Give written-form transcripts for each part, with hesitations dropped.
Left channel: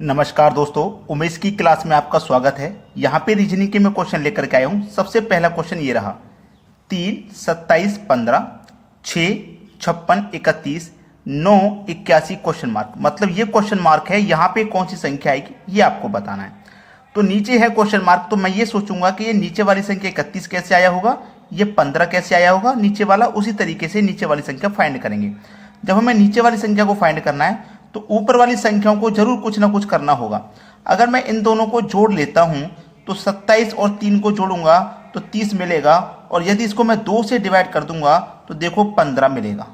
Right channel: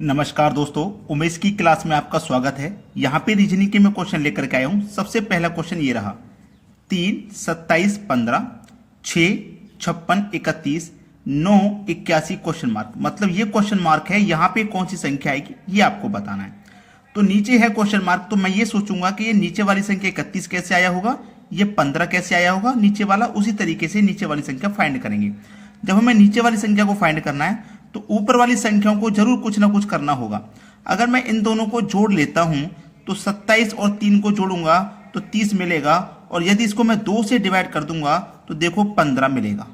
नमस्कार दोस्तों, उमेश की क्लास में आपका स्वागत है। यहाँ पे रीजनिंग के मैं क्वेश्चन लेकर के आया हूँ। सबसे पहला क्वेश्चन ये रहा, 3, 27, 15, 6, 56, 31, 9, 81 क्वेश्चन मार्क। मतलब ये क्वेश्चन मार्क है, यहाँ पे कौन सी संख्या आएगी ये आपको बताना है। तो नीचे है क्वेश्चन मार्क, तो मैं ये सोचूंगा कि ये नीचे वाली संख्या 31 कैसे आया होगा, ये 15 कैसे आया होगा नीचे वाला, उसी तरीके से नीचे वाली संख्या फाइंड करेंगे। जब हमें नीचे वाली संख्या को फाइंड करना है तो ऊपर वाली संख्याओं को जरूर कुछ ना कुछ करना होगा। अगर मैं इन दोनों को जोड़ लेता हूं तो 27 और 3 को जोड़ूंगा तो 30 मिलेगा, और यदि इसको मैं 2 से डिवाइड कर दूंगा तो देखो 15 मिलेगा।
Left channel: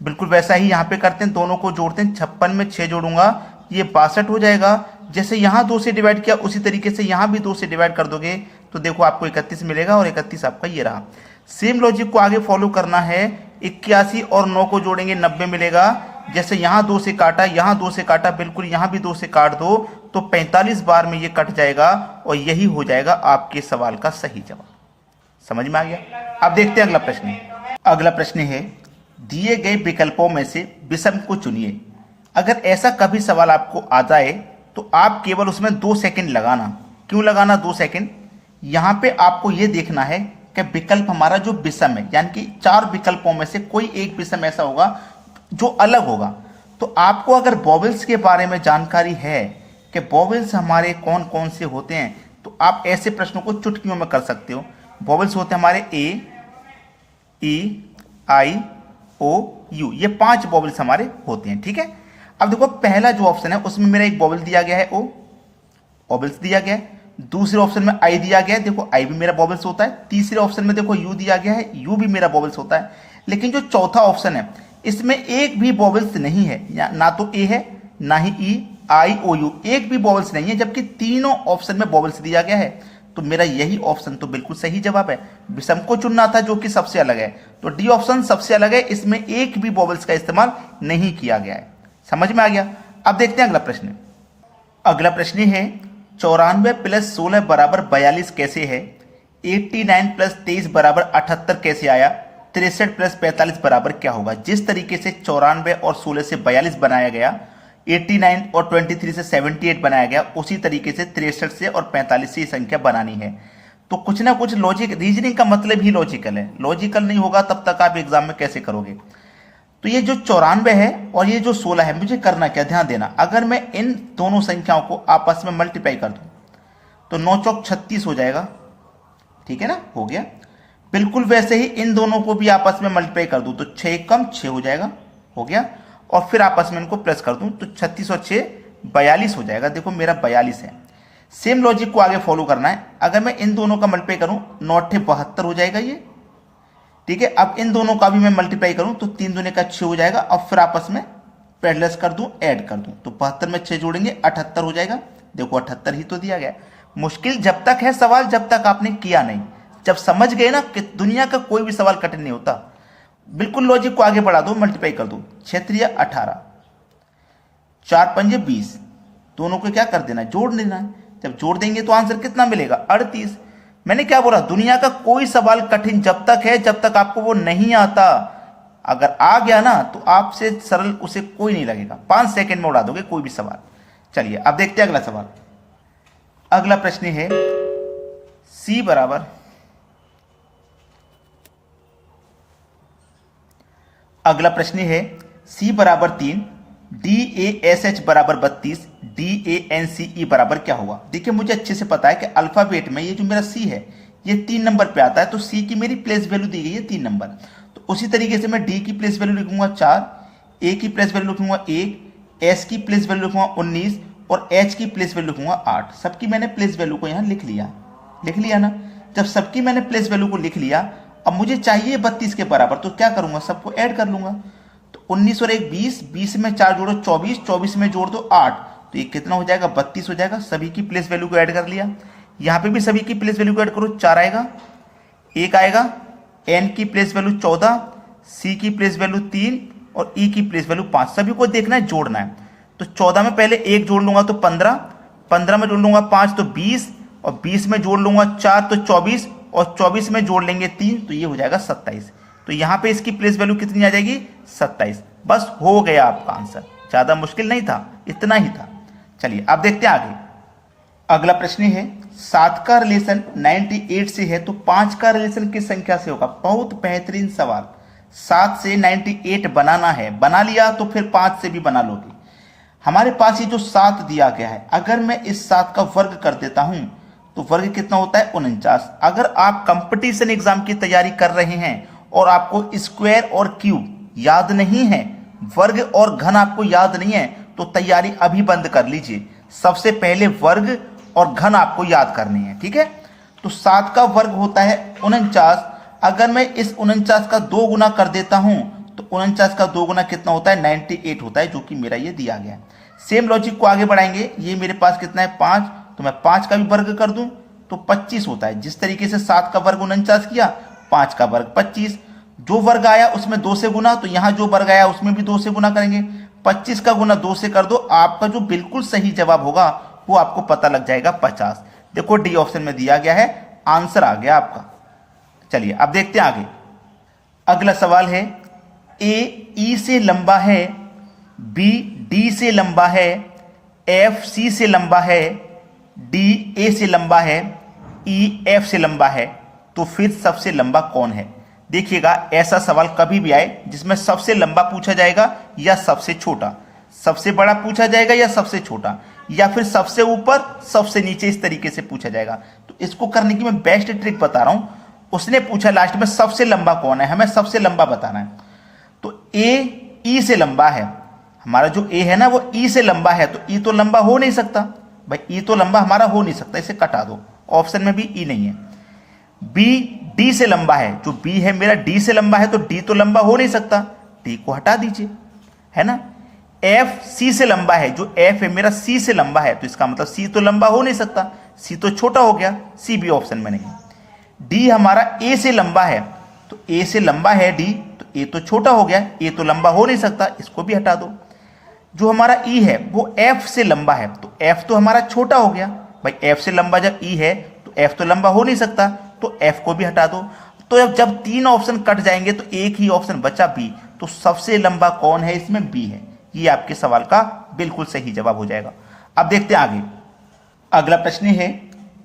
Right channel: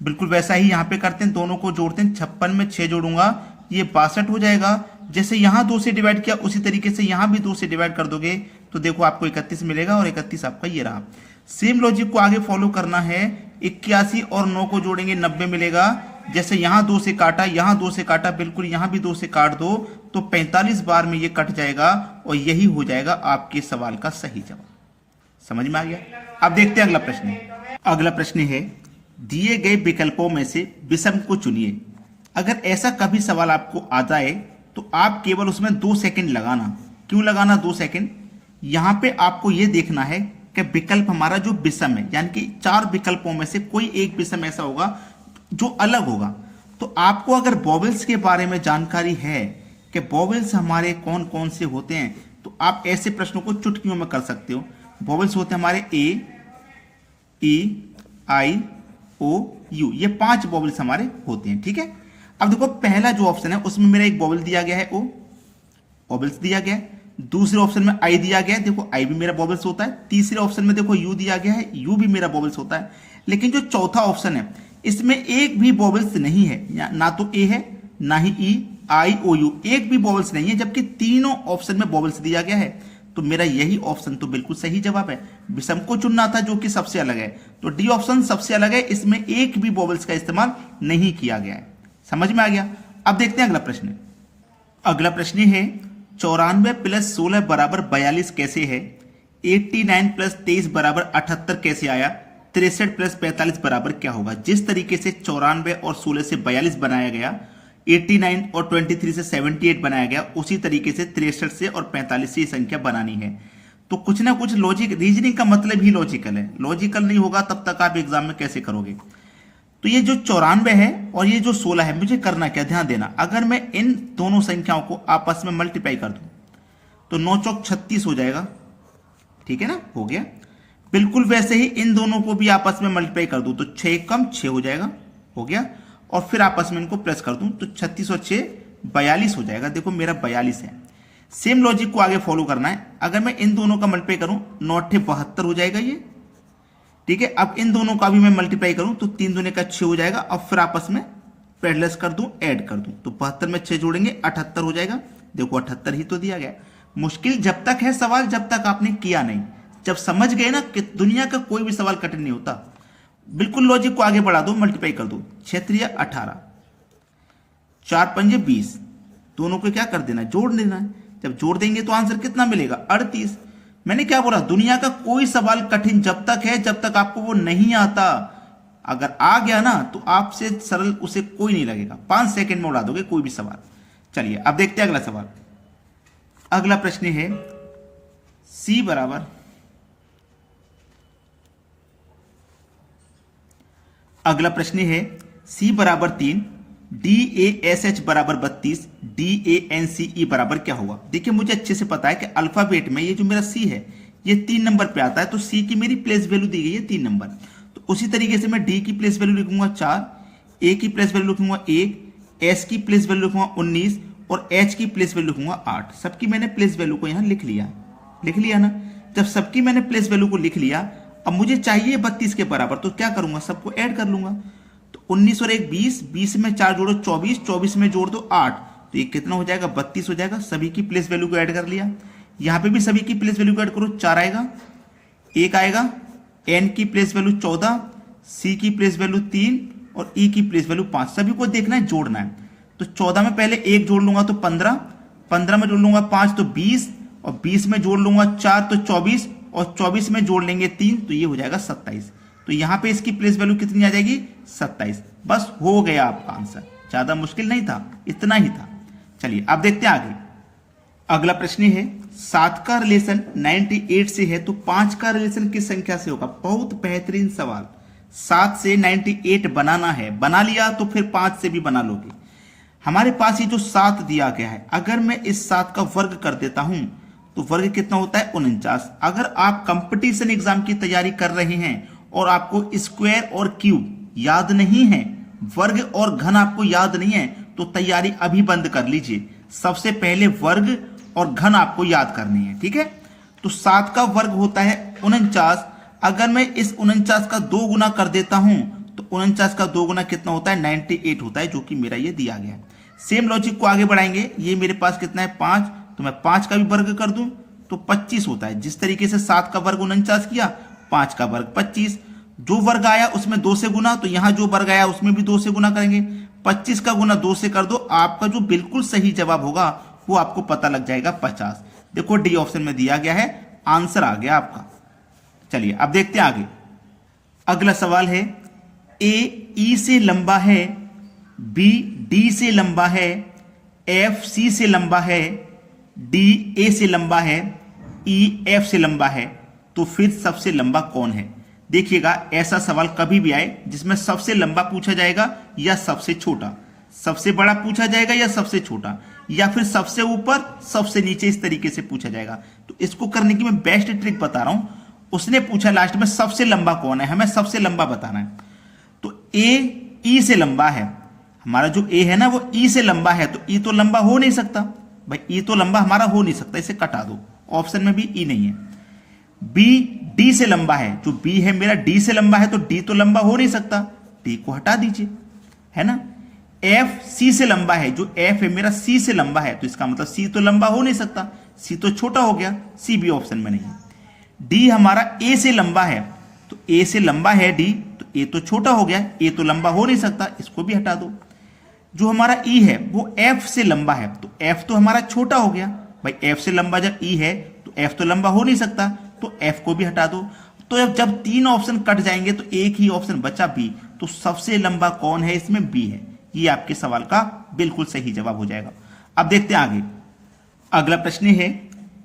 बिल्कुल वैसा ही यहाँ पे करते हैं, दोनों को जोड़ते हैं। 56 में 6 जोड़ूंगा ये 62 हो जाएगा। जैसे यहाँ 2 से डिवाइड किया उसी तरीके से यहाँ भी 2 से डिवाइड कर दोगे तो देखो आपको 31 मिलेगा, और 31 आपका ये रहा। सेम लॉजिक को आगे फॉलो करना है। 81 और 9 को जोड़ेंगे 90 मिलेगा। जैसे यहाँ 2 से काटा, यहाँ 2 से काटा, बिल्कुल यहाँ भी 2 से काट दो तो 45 बार में ये कट जाएगा, और यही हो जाएगा आपके सवाल का सही जवाब। समझ में आ गया? अब देखते हैं अगला प्रश्न। अगला प्रश्न है, दिए गए विकल्पों में से विषम को चुनिए। अगर ऐसा कभी सवाल आपको आ जाए तो आप केवल उसमें 2 सेकंड लगाना। क्यों लगाना 2 सेकंड? यहाँ पे आपको ये देखना है कि विकल्प हमारा जो विषम है, यानी कि 4 विकल्पों में से कोई एक विषम ऐसा होगा जो अलग होगा। तो आपको अगर वॉवेल्स के बारे में जानकारी है कि वॉवेल्स हमारे कौन कौन से होते हैं, तो आप ऐसे प्रश्नों को चुटकियों में कर सकते हो। वॉवेल्स होते हैं हमारे ए, ई, आई, ओ, यू, ये 5 वॉवेल्स हमारे होते हैं। ठीक है, अब देखो पहला जो ऑप्शन है उसमें मेरा एक वॉवेल दिया गया है ओ, वॉवेल्स दिया गया है। दूसरे ऑप्शन में आई दिया गया है, देखो आई भी मेरा वॉवेल्स होता है। तीसरे ऑप्शन में देखो यू दिया गया है, यू भी मेरा वॉवेल्स होता है। लेकिन जो चौथा ऑप्शन है इसमें एक भी वॉवेल्स नहीं है, ना तो ए है ना ही ई, आई, ओ, यू, एक भी वॉवेल्स नहीं है, जबकि तीनों ऑप्शन में वॉवेल्स दिया गया है। तो मेरा यही ऑप्शन तो बिल्कुल सही जवाब है। विषम को चुनना था जो कि सबसे अलग है, तो डी ऑप्शन सबसे अलग है, इसमें एक भी वॉवेल्स का इस्तेमाल नहीं किया गया है। समझ में आ गया? अब देखते हैं अगला प्रश्न। अगला प्रश्न है, 94 प्लस 16 बराबर 42 कैसे है? 89 प्लस 23 बराबर 78 कैसे आया? 63 प्लस 45 बराबर क्या होगा? जिस तरीके से 94 और 16 से 42 बनाया गया, 89 और 23 से 78 बनाया गया, उसी तरीके से 63 से और 45 से ये संख्या बनानी है। तो कुछ ना कुछ लॉजिक, रीजनिंग का मतलब ही लॉजिकल है। लॉजिकल नहीं होगा तब तक आप एग्जाम में कैसे करोगे? तो ये जो 94 है और ये जो 16 है, मुझे करना क्या, ध्यान देना। अगर मैं इन दोनों संख्याओं को आपस में मल्टीप्लाई कर दूं तो 9 चौक 36 हो जाएगा। ठीक है ना, हो गया। बिल्कुल वैसे ही इन दोनों को भी आपस में मल्टीप्लाई कर दूं तो 6 कम 6 हो जाएगा, हो गया। और फिर आपस में इनको प्लस कर दूं तो 36 और 6 42 हो जाएगा। देखो मेरा 42 है। सेम लॉजिक को आगे फॉलो करना है। अगर मैं इन दोनों का मल्टीप्लाई करूं 9 8 72 हो जाएगा ये। ठीक है, अब इन दोनों का भी मैं मल्टीप्लाई करूं तो 3 दूने का 6 हो जाएगा। अब फिर आपस में प्लस कर दूं, ऐड कर दूं तो 72 में 6 जोड़ेंगे 78 हो जाएगा। देखो 78 ही तो दिया गया। मुश्किल जब तक है सवाल जब तक आपने किया नहीं। जब समझ गए ना कि दुनिया का कोई भी सवाल कठिन नहीं होता, बिल्कुल लॉजिक को आगे बढ़ा दो, मल्टीप्लाई कर दो। 6 18, 4 5 20, दोनों को क्या कर देना, जोड़ देना। जब जोड़ देंगे तो आंसर कितना मिलेगा, 38। मैंने क्या बोला, दुनिया का कोई सवाल कठिन जब तक है जब तक आपको वो नहीं आता। अगर आ गया ना तो आपसे सरल उसे कोई नहीं लगेगा, 5 सेकंड में उड़ा दोगे कोई भी सवाल। चलिए अब देखते हैं अगला सवाल। अगला प्रश्न है, सी बराबर, अगला प्रश्न है C बराबर 3, DASH बराबर 32, DANCE बराबर क्या होगा? देखिए मुझे अच्छे से पता है कि अल्फाबेट में ये जो मेरा C है ये 3 नंबर पे आता है, तो C की मेरी प्लेस वैल्यू दी गई है 3 नंबर। तो उसी तरीके से मैं D की प्लेस वैल्यू लिखूंगा 4, A की प्लेस वैल्यू लिखूंगा 1, S की प्लेस वैल्यू लिखूंगा 19 और H की प्लेस वैल्यू लिखूंगा 8। सबकी मैंने प्लेस वैल्यू को यहाँ लिख लिया ना। जब सबकी मैंने प्लेस वैल्यू को लिख लिया, अब मुझे चाहिए 32 के बराबर, तो क्या करूंगा, सबको ऐड कर लूंगा। तो 19 और 1 20, 20 में 4 जोड़ो 24, 24 में जोड़ दो 8, तो ये कितना हो जाएगा, 32 हो जाएगा। सभी की प्लेस वैल्यू को ऐड कर लिया। यहां पे भी सभी की प्लेस वैल्यू को ऐड करो, 4 आएगा, 1 आएगा, N की प्लेस वैल्यू 14, C की प्लेस वैल्यू 3 और E की प्लेस वैल्यू 5। सभी को देखना है, जोड़ना है। तो 14 में पहले 1 जोड़ लूंगा तो 15, 15 में जोड़ लूंगा 5 तो 20, और 20 में जोड़ लूंगा 4 तो 24, और 24 में जोड़ लेंगे 3 तो ये हो जाएगा 27। तो यहां पे इसकी प्लेस वैल्यू कितनी आ जाएगी, 27। बस हो गया आपका आंसर। ज्यादा मुश्किल नहीं था, इतना ही था। चलिए अब देखते हैं आगे। अगला प्रश्न है 7 का रिलेशन 98 से है तो 5 का रिलेशन किस संख्या से होगा। बहुत बेहतरीन सवाल। 7 से 98 बनाना है, बना लिया तो फिर 5 से भी बना लोगे। हमारे पास ये जो 7 दिया गया है, अगर मैं इस 7 का वर्ग कर देता हूं तो वर्ग कितना होता है 49। अगर आप कंपटीशन एग्जाम की तैयारी कर रहे हैं और आपको स्क्वायर और क्यूब याद नहीं है, वर्ग और घन आपको याद नहीं है, तो तैयारी अभी बंद कर लीजिए। सबसे पहले वर्ग और घन आपको याद करनी है, ठीक है। तो 7 का वर्ग होता है 49। अगर मैं इस 49 का 2 गुना कर देता हूं तो 49 का 2 गुना कितना होता है 98 होता है, जो कि मेरा ये दिया गया। सेम लॉजिक को आगे बढ़ाएंगे। ये मेरे पास कितना है 5, तो मैं 5 का भी वर्ग कर दूं तो 25 होता है। जिस तरीके से 7 का वर्ग 49 किया, 5 का वर्ग 25। जो वर्ग आया उसमें 2 से गुना, तो यहां जो वर्ग आया उसमें भी 2 से गुना करेंगे। 25 का गुना 2 से कर दो, आपका जो बिल्कुल सही जवाब होगा वो आपको पता लग जाएगा 50। देखो डी ऑप्शन में दिया गया है, आंसर आ गया आपका। चलिए अब देखते हैं आगे। अगला सवाल है ए ई से लंबा है, बी डी से लंबा है, एफ सी से लंबा है, डी ए से लंबा है, ई एफ से लंबा है, तो फिर सबसे लंबा कौन है। देखिएगा ऐसा सवाल कभी भी आए जिसमें सबसे लंबा पूछा जाएगा या सबसे छोटा, सबसे बड़ा पूछा जाएगा या सबसे छोटा, या फिर सबसे ऊपर सबसे नीचे, इस तरीके से पूछा जाएगा। तो इसको करने की मैं बेस्ट ट्रिक बता रहा हूं। उसने पूछा लास्ट में सबसे लंबा कौन है, हमें सबसे लंबा बताना है। तो ए ई से लंबा है, हमारा जो ए है ना वो ई से लंबा है, तो ई तो लंबा हो नहीं सकता भाई, ई तो लंबा हमारा हो नहीं सकता, इसे कटा दो, ऑप्शन में भी ई नहीं है। बी डी से लंबा है, जो बी है मेरा डी से लंबा है, तो डी तो लंबा हो नहीं सकता, डी को हटा दीजिए, है ना। एफ सी से लंबा है, जो एफ है मेरा सी से लंबा है, तो इसका मतलब सी तो लंबा हो नहीं सकता, सी तो छोटा हो गया, सी भी ऑप्शन में नहीं है। डी हमारा ए से लंबा है, तो ए से लंबा है डी, तो ए तो छोटा हो गया, ए तो लंबा हो नहीं सकता, इसको भी हटा दो। जो हमारा ई है वो एफ से लंबा है, तो एफ तो हमारा छोटा हो गया भाई, एफ से लंबा जब ई है तो एफ तो लंबा हो नहीं सकता, तो एफ को भी हटा दो। तो जब 3 ऑप्शन कट जाएंगे तो एक ही ऑप्शन बचा बी, तो सबसे लंबा कौन है इसमें बी है। ये आपके सवाल का बिल्कुल सही जवाब हो जाएगा। अब देखते हैं आगे। अगला प्रश्न है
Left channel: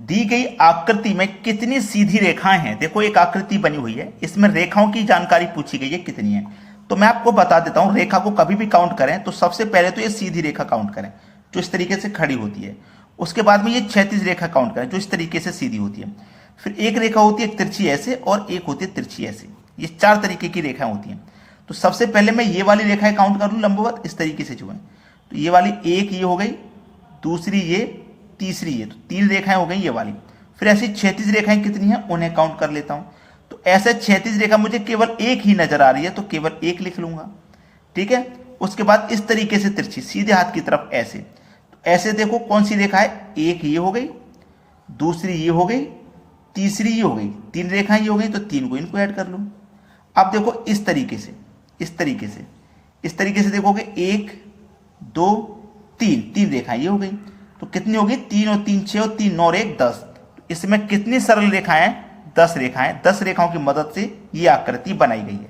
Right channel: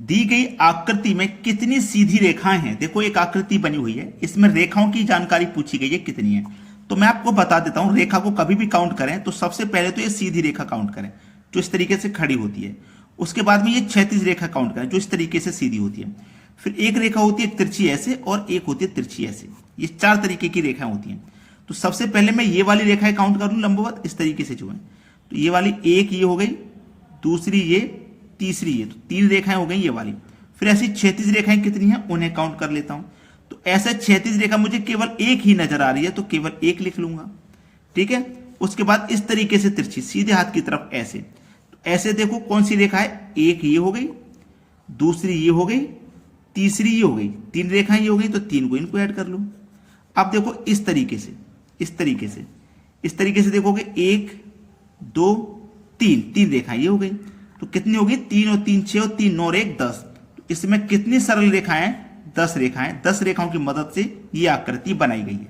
दी गई आकृति में कितनी सीधी रेखाएं हैं। देखो एक आकृति बनी हुई है, इसमें रेखाओं की जानकारी पूछी गई है कितनी है। तो मैं आपको बता देता हूं, रेखा को कभी भी काउंट करें तो सबसे पहले तो ये सीधी रेखा काउंट करें जो इस तरीके से खड़ी होती है। उसके बाद में ये क्षैतिज रेखा काउंट करें जो इस तरीके से सीधी होती है। फिर एक रेखा होती है तिरछी ऐसे और एक होती है तिरछी ऐसे, ये 4 तरीके की रेखाएं होती हैं। तो सबसे पहले मैं ये वाली रेखाएं काउंट कर लूं लंबवत इस तरीके से जो है, तो ये वाली एक ये हो गई, दूसरी ये, तीसरी ये, तो 3 रेखाएं हो गई ये वाली। फिर ऐसी क्षैतिज रेखाएं कितनी हैं उन्हें काउंट कर लेता हूं। तो ऐसे क्षैतिज रेखा मुझे केवल एक ही नजर आ रही है, तो केवल एक लिख लूंगा, ठीक है। उसके बाद इस तरीके से तिरछी सीधे हाथ की तरफ ऐसे, तो ऐसे देखो कौन सी रेखा है, एक ये हो गई, दूसरी ये हो गई, तीसरी ये हो गई, 3 रेखाएं ये हो गई, तो 3 को इनको ऐड कर लो। अब देखो इस तरीके से, इस तरीके से, इस तरीके से देखोगे 1 2 3 रेखाएं ये हो गई, तो कितनी होगी 3 और 3 6 और 3 9 और 1 10। इसमें कितनी सरल रेखाएं 10 रेखाएं, 10 रेखाओं की मदद से ये आकृति बनाई गई है।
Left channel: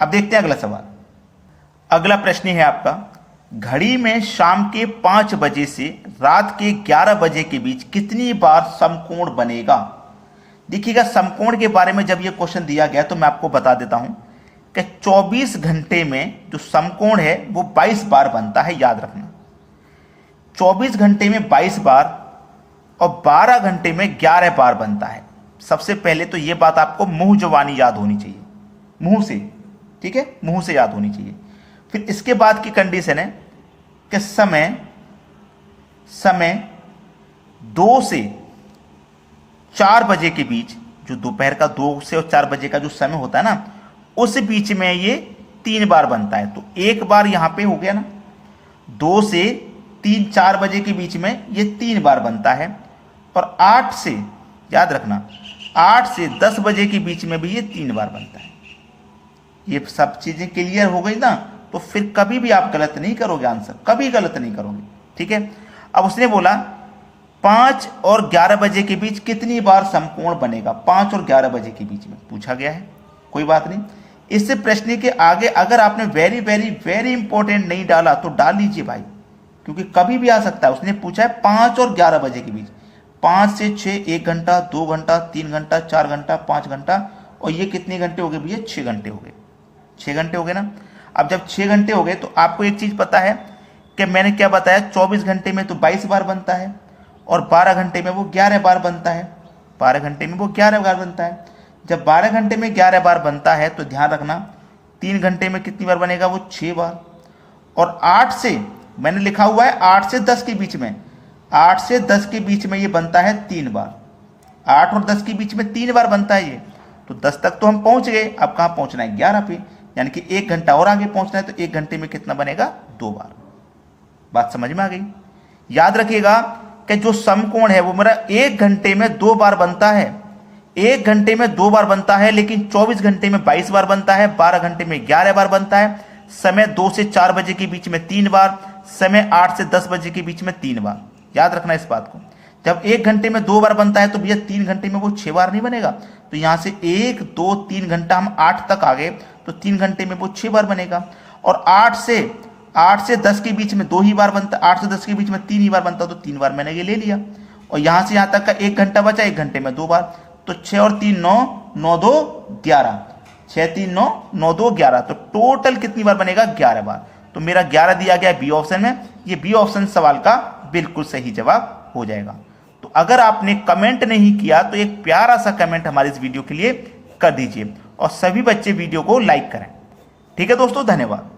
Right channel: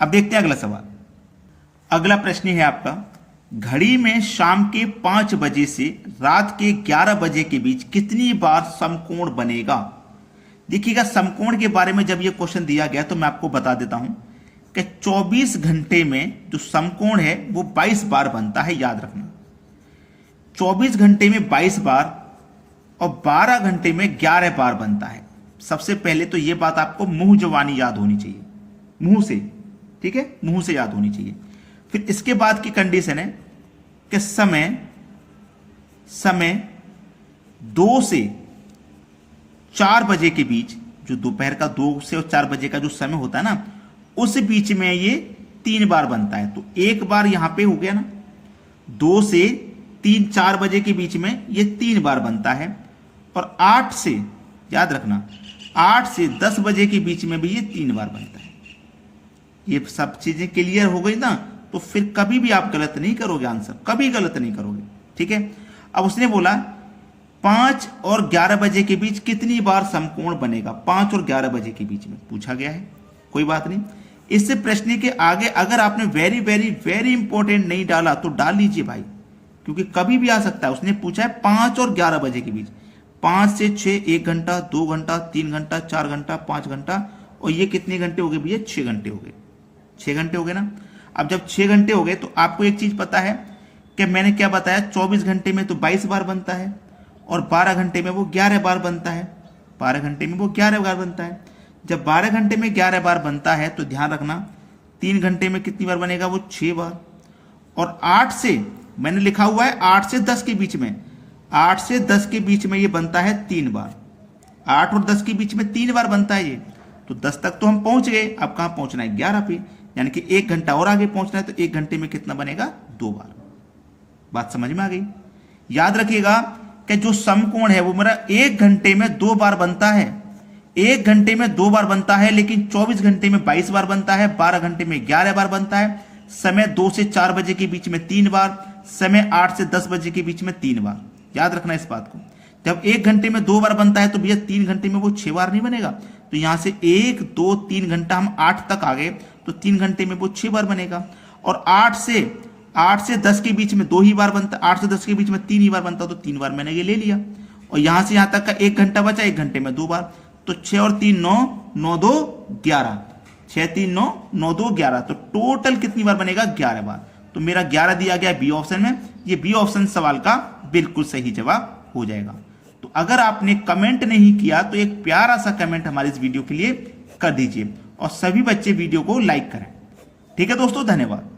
अब देखते हैं अगला सवाल। अगला प्रश्न है आपका, घड़ी में शाम के 5 बजे से रात के 11 बजे के बीच कितनी बार समकोण बनेगा। देखिएगा समकोण के बारे में जब ये क्वेश्चन दिया गया तो मैं आपको बता देता हूं कि 24 घंटे में जो समकोण है वो 22 बार बनता है, याद रखना। 24 घंटे में 22 बार और 12 घंटे में 11 बार बनता है। सबसे पहले तो ये बात आपको मुंह जवानी याद होनी चाहिए, मुंह से, ठीक है, मुंह से याद होनी चाहिए। फिर इसके बाद की कंडीशन है कि समय 2 से 4 बजे के बीच, जो दोपहर का 2 से और 4 बजे का जो समय होता है ना, उस बीच में ये 3 बार बनता है। तो एक बार यहां पे हो गया ना, 2 से 3 4 बजे के बीच में ये 3 बार बनता है। और 8 से, याद रखना, 8 से 10 बजे के बीच में भी ये 3 बार बनता है। ये सब चीजें क्लियर हो गई ना, तो फिर कभी भी आप गलत नहीं करोगे, आंसर कभी गलत नहीं करोगे, ठीक है। अब उसने बोला 5 और 11 बजे के बीच कितनी बार समकोण बनेगा। 5 और 11 बजे के बीच में पूछा गया है, कोई बात नहीं। इससे प्रश्न के आगे अगर आपने वेरी वेरी वेरी इंपॉर्टेंट नहीं डाला तो डाल लीजिए भाई, क्योंकि कभी भी आ सकता है। उसने पूछा है 5 और 11 बजे के बीच, 5 से 6 1 घंटा, 2 घंटा, 3 घंटा, 4 घंटा, 5 घंटा, और ये कितने घंटे हो गए भैया? 6 घंटे हो गए। 6 घंटे हो गए ना। अब जब 6 घंटे हो गए तो आपको एक चीज पता है कि मैंने क्या बताया, 24 घंटे में तो 22 बार बनता है और 12 घंटे में वो 11 बार बनता है। 12 घंटे में वो 11 बार बनता है। जब 12 घंटे में 11 बार बनता है तो ध्यान रखना 3 घंटे में कितनी बार बनेगा? वो 6 बार। और 8 से, मैंने लिखा हुआ है 8 से 10 के बीच में, 8 से 10 के बीच में ये बनता है 3 बार। 8 और 10 के बीच में 3 बार बनता है ये। तो 10 तक तो हम पहुंच गए, अब कहां पहुंचना है? 11 पे, यानी कि 1 घंटा और आगे पहुंचना है। तो 1 घंटे में कितना बनेगा? 2 बार। बात समझ में आ गई? याद रखिएगा कि जो समकोण है वो मेरा 1 घंटे में 2 बार बनता है। 1 घंटे में 2 बार बनता है, लेकिन 24 घंटे में 22 बार बनता है, 12 घंटे में 11 बार बनता है, समय 2 से 4 बजे के बीच में 3 बार, समय 8 से 10 बजे के बीच में 3 बार। याद रखना इस बात को। जब 1 घंटे में 2 बार बनता है तो भैया 3 घंटे में वो 6 बार नहीं बनेगा। तो यहां से 1 2 3 घंटा, हम 8 तक आ गए, तो 3 घंटे में वो 6 बार बनेगा। और 8 से 10 के बीच में 2 ही बार बनता है, 8 से 10 के बीच में 3 ही बार बनता है, तो 3 बार मैंने ये ले लिया। और यहां से यहां तक का 1 घंटा बचा, 1 घंटे में 2 बार। तो 6 और 3 9, 9 2 11, 6 3 9, 9 2 11, तो टोटल कितनी बार बनेगा? 11 बार। तो मेरा 11 दिया गया बी ऑप्शन में। ये बी ऑप्शन सवाल का बिल्कुल सही जवाब हो जाएगा। तो अगर आपने कमेंट नहीं किया तो एक प्यारा सा कमेंट हमारे इस वीडियो के लिए कर दीजिए और सभी बच्चे वीडियो को लाइक करें। ठीक है दोस्तों, धन्यवाद।